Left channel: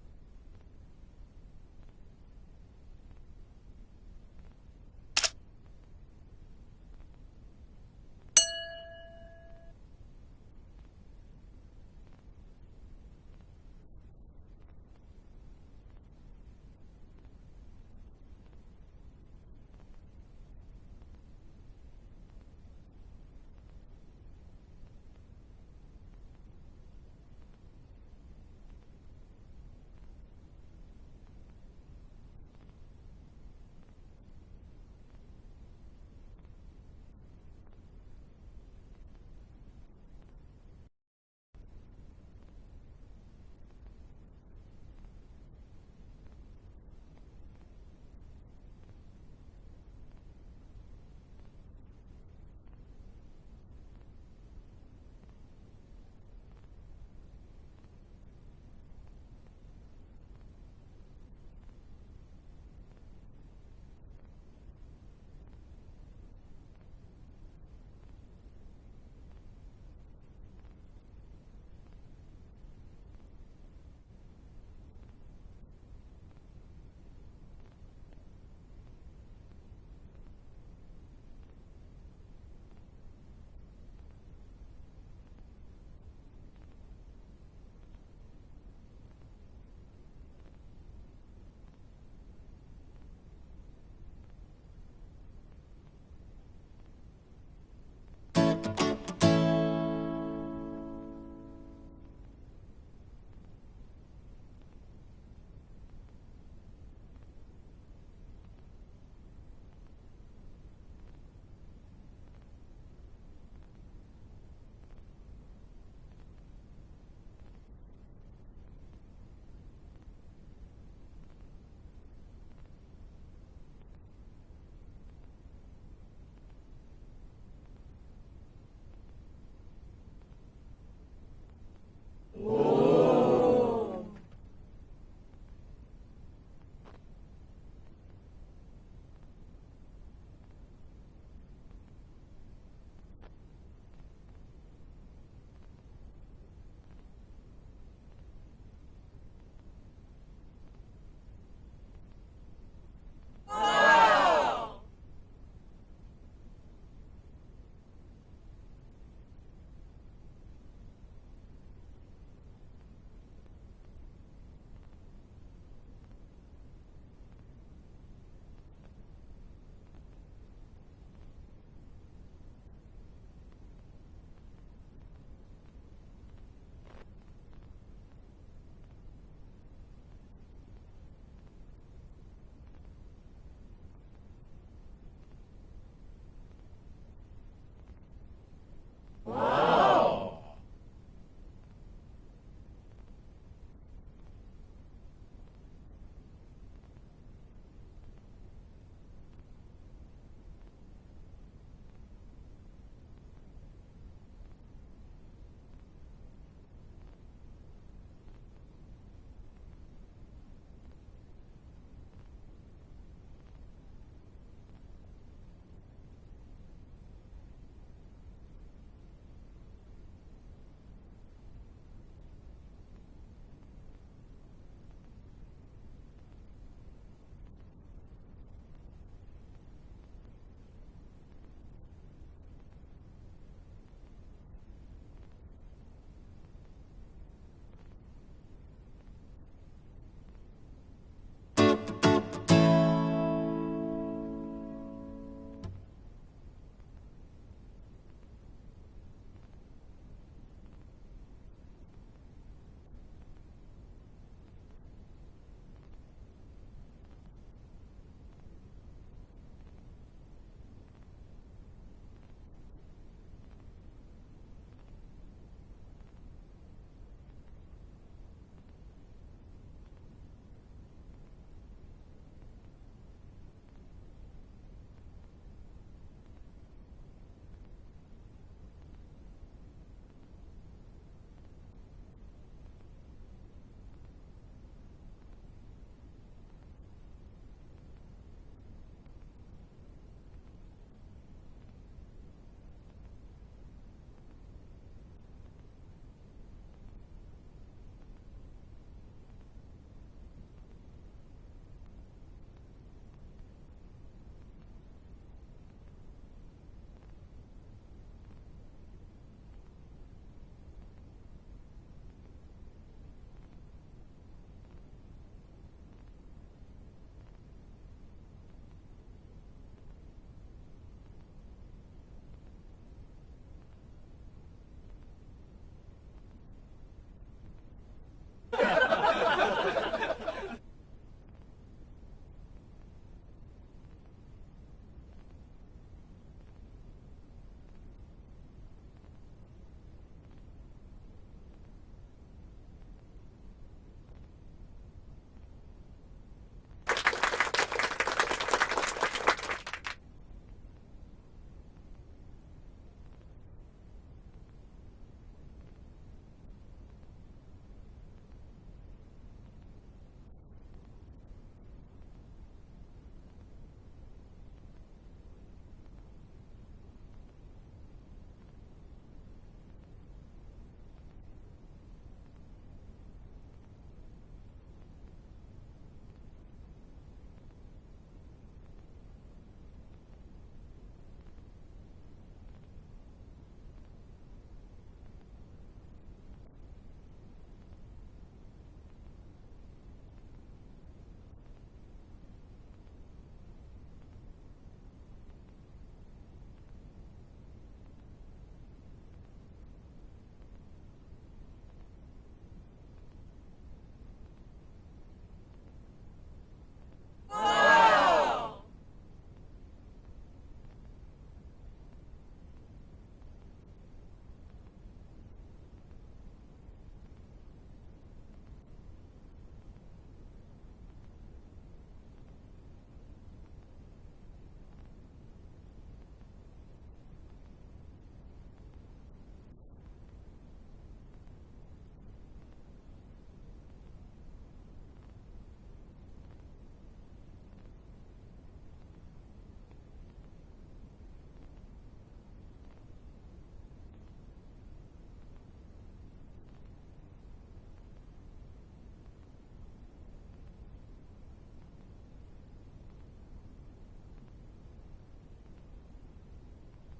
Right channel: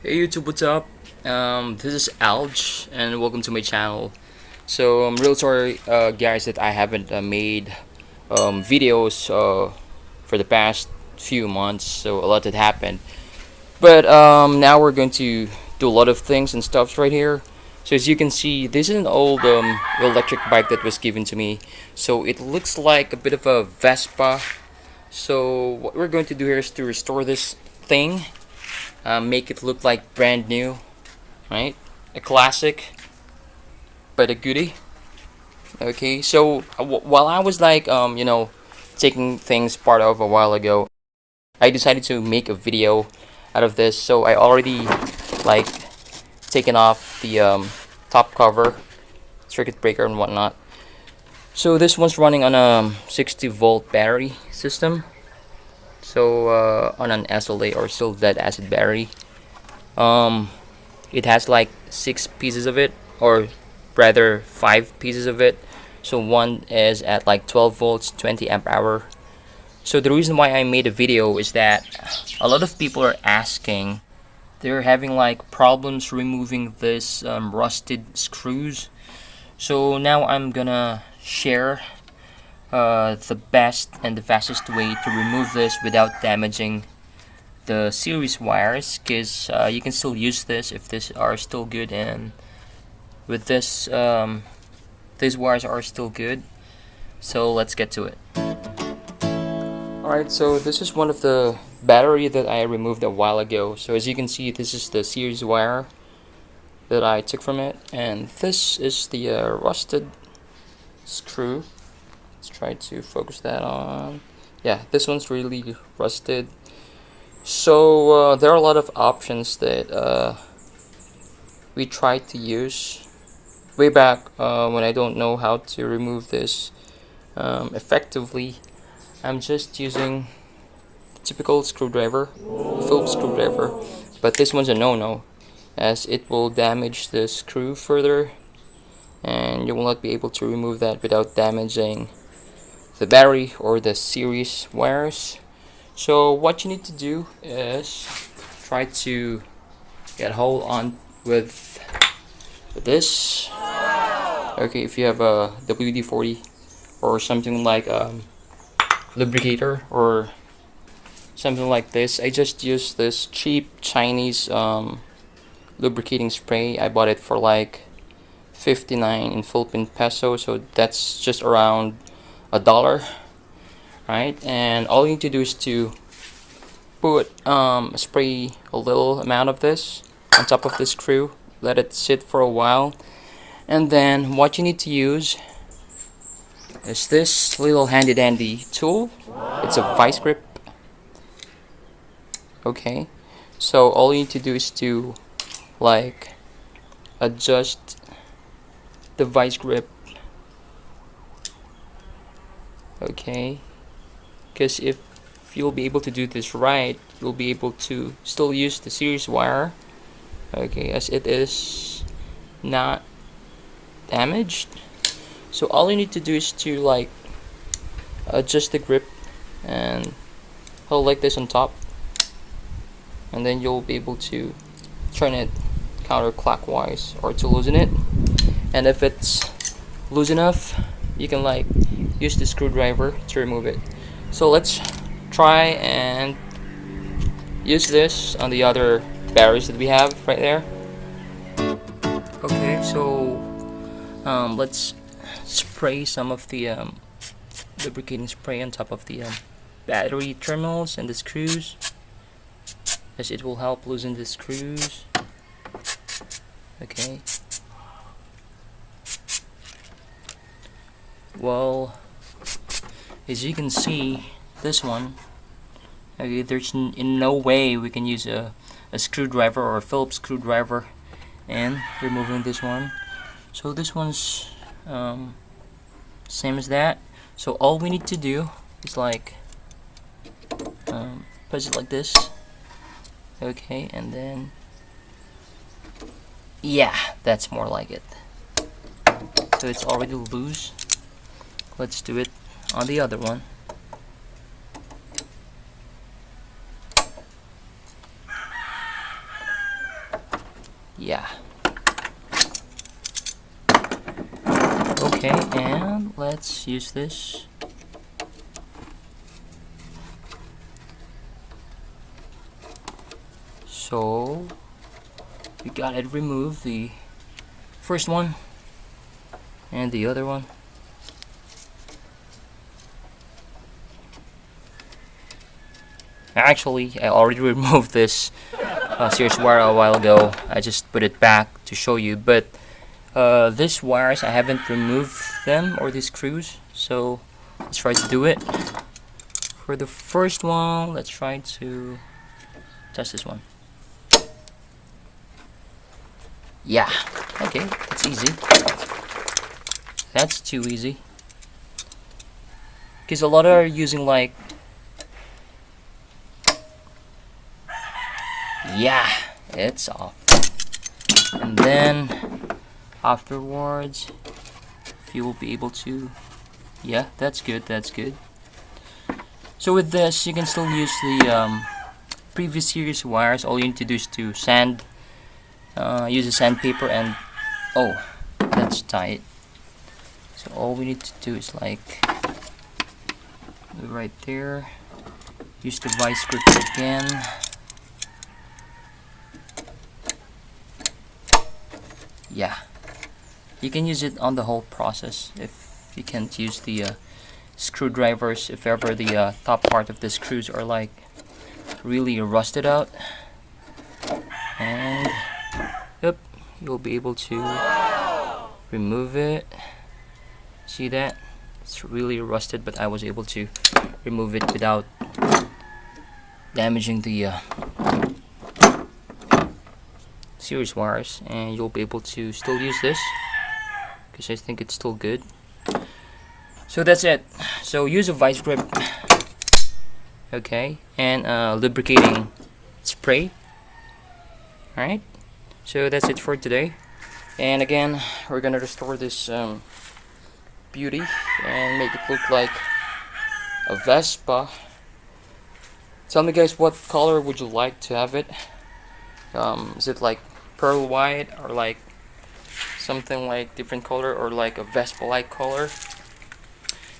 Hey YouTube, what's up? This is Alj, and welcome to my channel. So I'm real sorry, guys, that I haven't made videos for the past few months. So a lot had happened, but now we're going to do a lot of things and stuffs right here. So as you can see, this is an old electric bike that was given to me. So it looks like a bit of a Vespa. So what we're going to do here is to restore this thing, make it look like brand new, right? A classic, but a goodie. Okay, so while I was like, taking things part of a while ago, I decided to make a video out of this. So I already like taken off the top cover, circuit breaker and whatnot. So this one's running on a 60-volt battery system. So on an SLA or still lead acid battery. Um, it has like 6 pieces of it, or rather 5 pieces of it. So one is at like 12 volts, 20 amp hour. So the reason why I made a video is that a lot of people are asking, they're having like problems removing this rusted screws. So now I'm gonna share the best and the fastest way to remove this without damaging the series wires, because you can still use this if these are still good, and with this these wires are still good. So let's get to it. Alright, so this is one of the battery that I removed a while ago. So as you can see, this is the series wire that I took from it, and this is the rusted screw. Let's try to focus that on. Yeah, this one's really rusted. So there are a lot of options that we tried to use way back when I don't know how to remove this effectively. I'm just using the typical screwdriver, Phillips screwdriver, but this one's a no-no, as it will damage the screw further, and you will not be able to remove that without damaging the battery or the series wires. So what you need to do is try to get hold on with this. Okay, if you have a WD-40 or something like lubricator or something like this, I just use this cheap Chinese lubricating spray. I bought it for like 59 in Philippine peso, so that's just around $1, right? And all you need to do is to put spray a little amount of this on top of the screw, let it sit for a while, and then what you need to use is this little handy dandy tool. It's a vice grip. Okay, so all you need to do is to like adjust the vice grip. Okay, because if you'll be able to do this right, you'll be able to still use the series wire, okay, as it is not damaged. So all you need to do is to like adjust the grip and hold like this on top, and then you'll be able to turn it counterclockwise or to loosen it. And if it's loose enough, you can like use the screwdriver to remove it. So let's try and use this on the other batteries that we have right there. Okay, so let's spray some of the lubricating spray on top of the battery terminals and the screws, as it will help loosen the screws. Okay, well, as you can see, this one, okay, there's in no way we can use a screwdriver or a Phillips screwdriver in removing this one. So this one's same as that. So all we need to do is like press it like this. Okay, and then yeah, that's more like it. So it's already loose. Let's do it on the other one. Yeah. Okay, and let's use this. So we gotta remove the first one and the other one. Actually, I already removed this series wire a while ago. I just put it back to show you, but these wires I haven't removed them, or these screws, so let's try to do it. For the first one, let's try to test this one. Yeah, okay, it's easy. That's too easy. Because a lot are using like, yeah, it's off. And then afterwards, if you will be able to, yeah, that's good, that's good. So with this, you can still use the previous series wires. All you need to do is to sand, use a sandpaper, and oh, that's tight. So all we need to do is like right there. Use the vice grip again. Yeah, you can use it on the whole process if you can't use the screwdrivers, if ever the top part of the screws are like really rusted out. And yep, you'll be able to remove it. See that? It's really rusted, but I was able to remove it without damaging the series wires, and you'll be able to still use this because I think it's still good. So that's it. So use a vice grip, okay, and lubricating spray. Alright, so that's it for today. And again, we're gonna restore this beauty and make it look like a Vespa. Tell me guys, what color would you like to have it? Is it like pearl white, or like something like different color, or like a Vespa like color?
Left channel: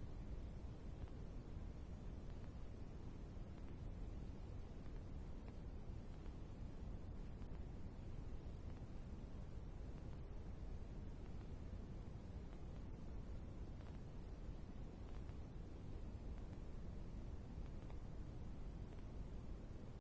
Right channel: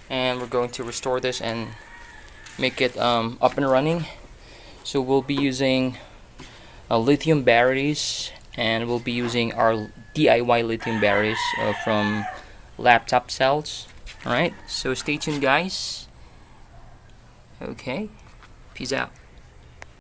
And we're going to restore this and make it up and running. So we'll be using lithium batteries, and we'll be using our DIY lithium batteries from laptop cells. Alright, so stay tuned guys. Okay, peace out.